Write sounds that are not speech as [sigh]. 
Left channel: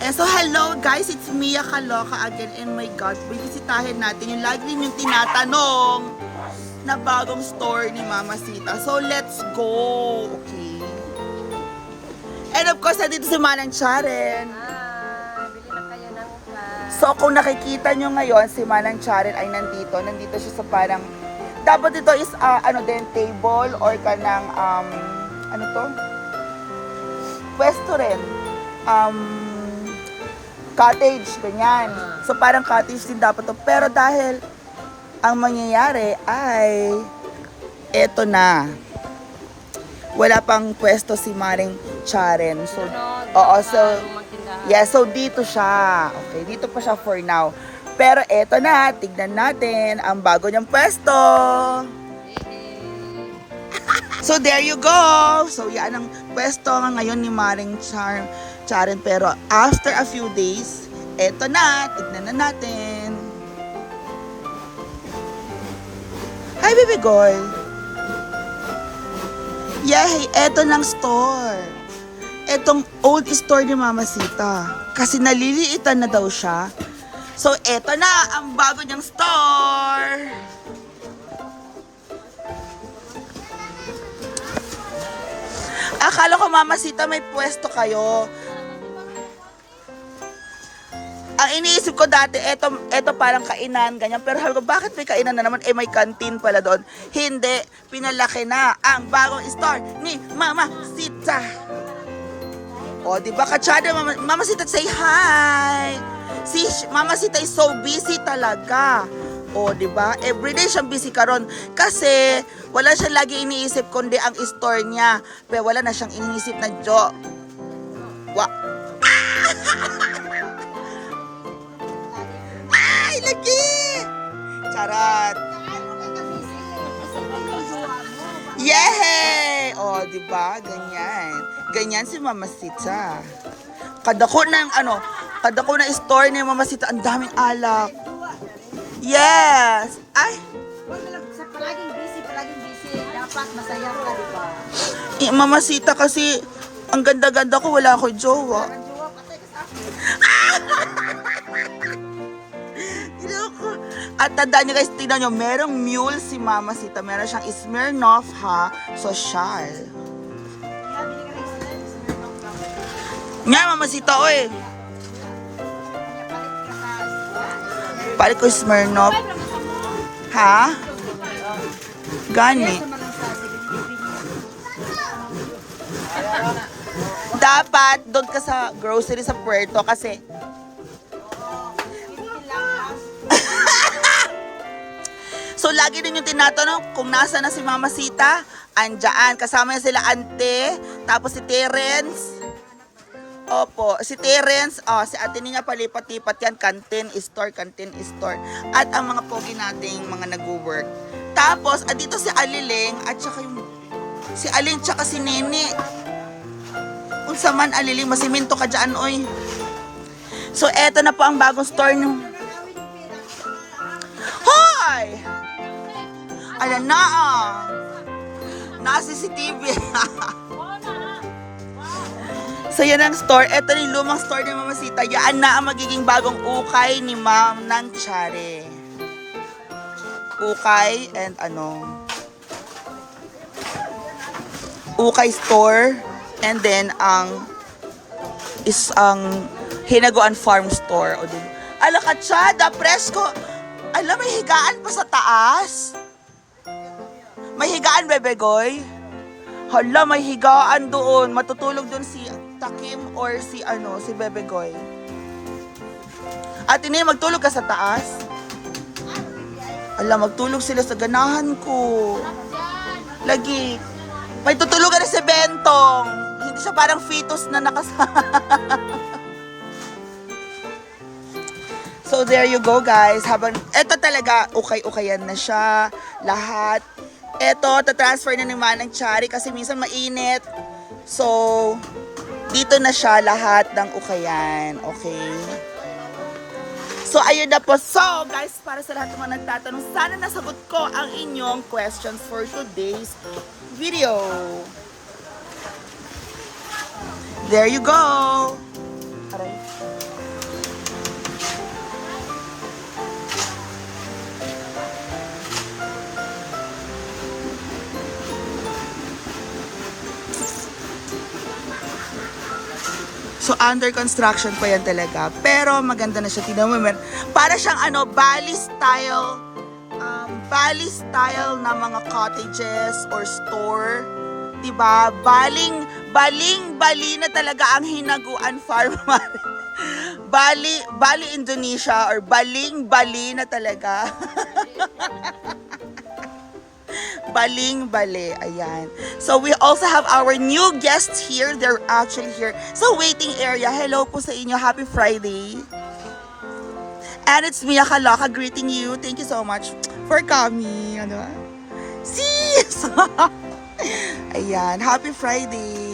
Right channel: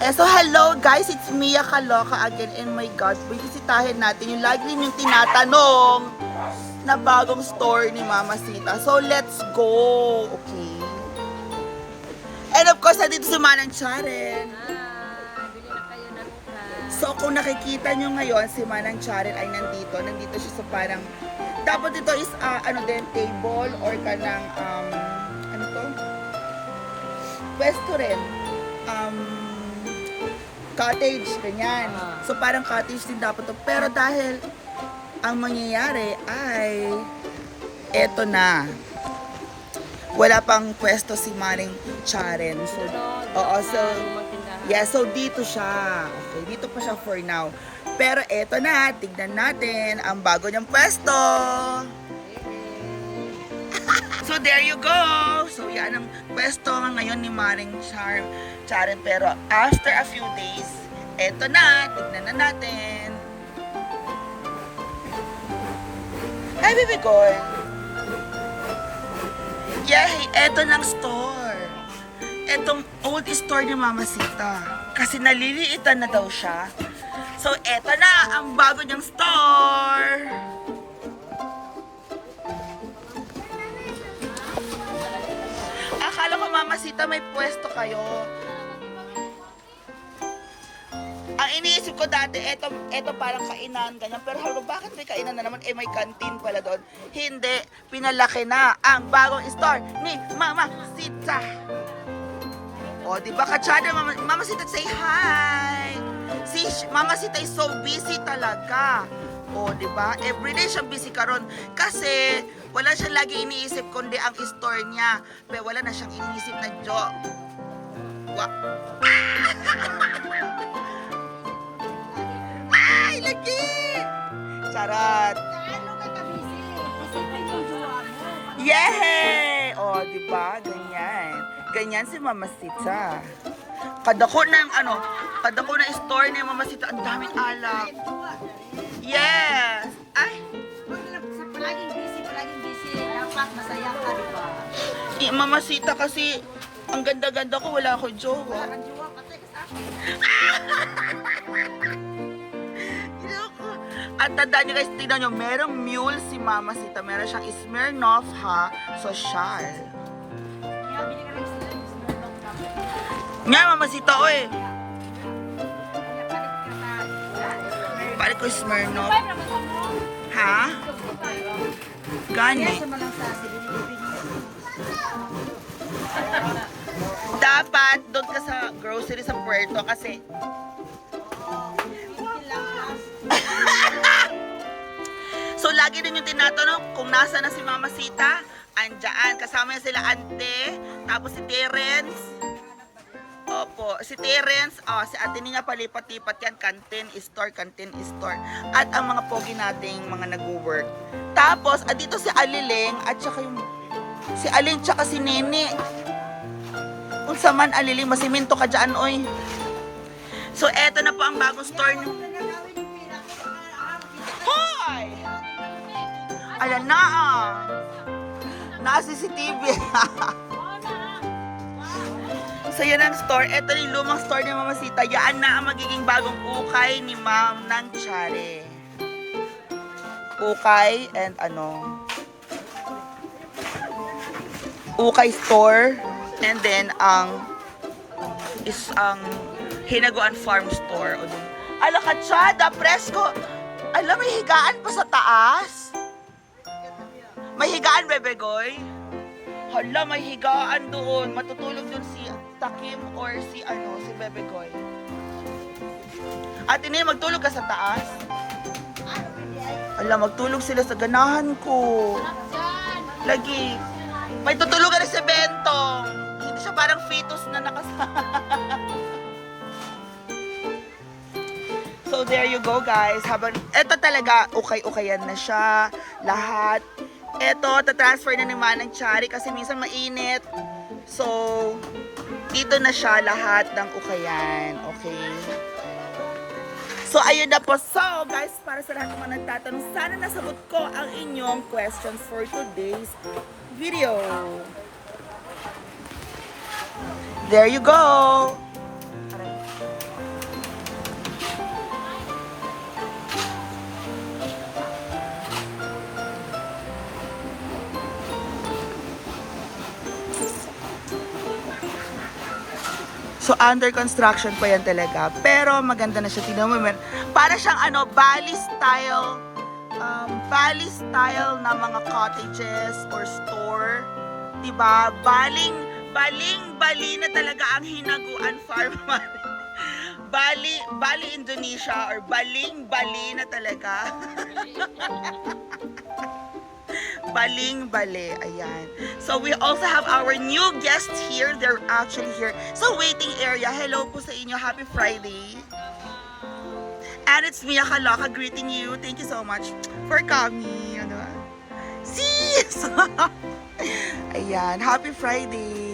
Eh, so hello guys, it's Mia Kaloka again and my God, bibisitahin natin yung lagi rin yung tinatanong na bagong store ni Mama Sita. So let's go, okay? And of course, nandito si Manang Charen. Ah, bili na kayo ng ukay. So kung nakikita nyo ngayon, si Manang Charen ay nandito. Nandito siya sa parang, dapat ito is ah, ano din, table or kanang, um, ano to? Pwesto rin. Um, cottage, ganyan. So parang cottage din dapat to. Pero dahil ang mangyayari ay eto na. Wala pang pwesto si Maring Charen. So, Ano, oo, so. Yeah, so dito siya. Okay, dito pa siya for now. Pero eto na, tignan natin ang bago niyang pwesto. So there you go. So yan ang pwesto nga ngayon ni Maring Char Charen. Pero after a few days, eto na, tignan na natin. Hi, baby girl. Yay, eto ng store. Etong old store ni Mama Sita. Kasi naliliitan na daw siya. So, eto na ang bago niyang store. Akala ko Mama Sita may pwesto kayo. Ang iniisip ko dati, eto, eto parang kainan, ganyan. Pero sabi bakit may kainan na naman? Eh, may canteen pala doon. Hindi, pinalaki na ang bagong store ni Mama Sita. O, di ba, Kachada, Mama, Mama Sita, say hi. Si Mama Sita is so busy talaga. O, di ba? Everyday siyang busy karon Kasi, wala siyang lagi iniisip kundi ang store niya. Pero wala na siyang iniisip na jo. Wa. Ay, lagi! Charot! Yay! O, di ba? Ganyan. Ganyan si Mama Sita. Kadako ng ano, kadako na store ni Mama Sita, ang daming alak. Yes! Ay, Sa palaging busy, palaging busy, dapat masaya ka, di ba? eh, Mama Sita kasi, ang ganda-ganda ko, wala ako jowa. Ang jowa, patay ka sa [laughs] At tandaan niyo guys, tingnan niyo, merong mule si Mama Sita. Meron siyang Smirnoff ha, social. Nga, Mama Sita, oy. Palit ko Smirnoff. Ha? Gani. Dapat doon ka sa grocery sa Puerto kasi [laughs] So, lagi din yung tinatanong kung nasa na si Mama Sita. Andyan. Kasama niya sila Ante. Tapos si Terence. Opo. Si Terence. Oh, si ate niya palipat-lipat yan. Canteen store, canteen store. At ang mga pogi nating mga nag-work. Tapos, at dito si Aliling at saka yung si Aling tsaka si Nene. Kung sa man Aliling, masiminto ka dyan, oy. So, eto na po ang bagong store ng Hoy! Ayan na ah. Naka CCTV. So yan ang store. Ito yung lumang store ni Mama Sita. Yan na ang magiging bagong ukay ni Ma'am ng Chare. Ukay and ano. Ukay store. And then ang is ang Hinaguan Farm Store. O dun. Ala katsada, presko. Alam, may higaan pa sa taas. May higaan, Bebegoy. Hala, may higaan doon. Matutulog doon si Takim or si ano, si Bebegoy. At ini magtulog ka sa taas. Ala, magtulog sila sa ganahan ko. Lagi. May tutulugan na si Bentong. Hindi siya parang fetus na nakasama. [laughs] So there you go guys. Habang eto talaga ukay-ukayan na siya lahat. Eto tatransfer na naman ng Chari kasi minsan mainit. So dito na siya lahat ng ukayan. Okay? So ayun na po. So guys, para sa lahat ng mga nagtatanong, sana nasagot ko ang inyong questions for today's video. There you go. Aray. So, under construction pa yan talaga. Pero maganda na siya. Tignan mo, para siyang ano, Bali style, um, Bali style na mga cottages or store. Diba? Baling, baling, bali na talaga ang hinaguan [laughs] farm. Bali, Bali, Indonesia or baling, bali na talaga. [laughs] baling bale. Ayan. So we also have our new guests here. They're actually here sa waiting area. Hello po sa inyo. Happy Friday. And it's Mia Kalaka greeting you. Thank you so much for coming. Ano ba? Sis! [laughs] Ayan. Happy Friday.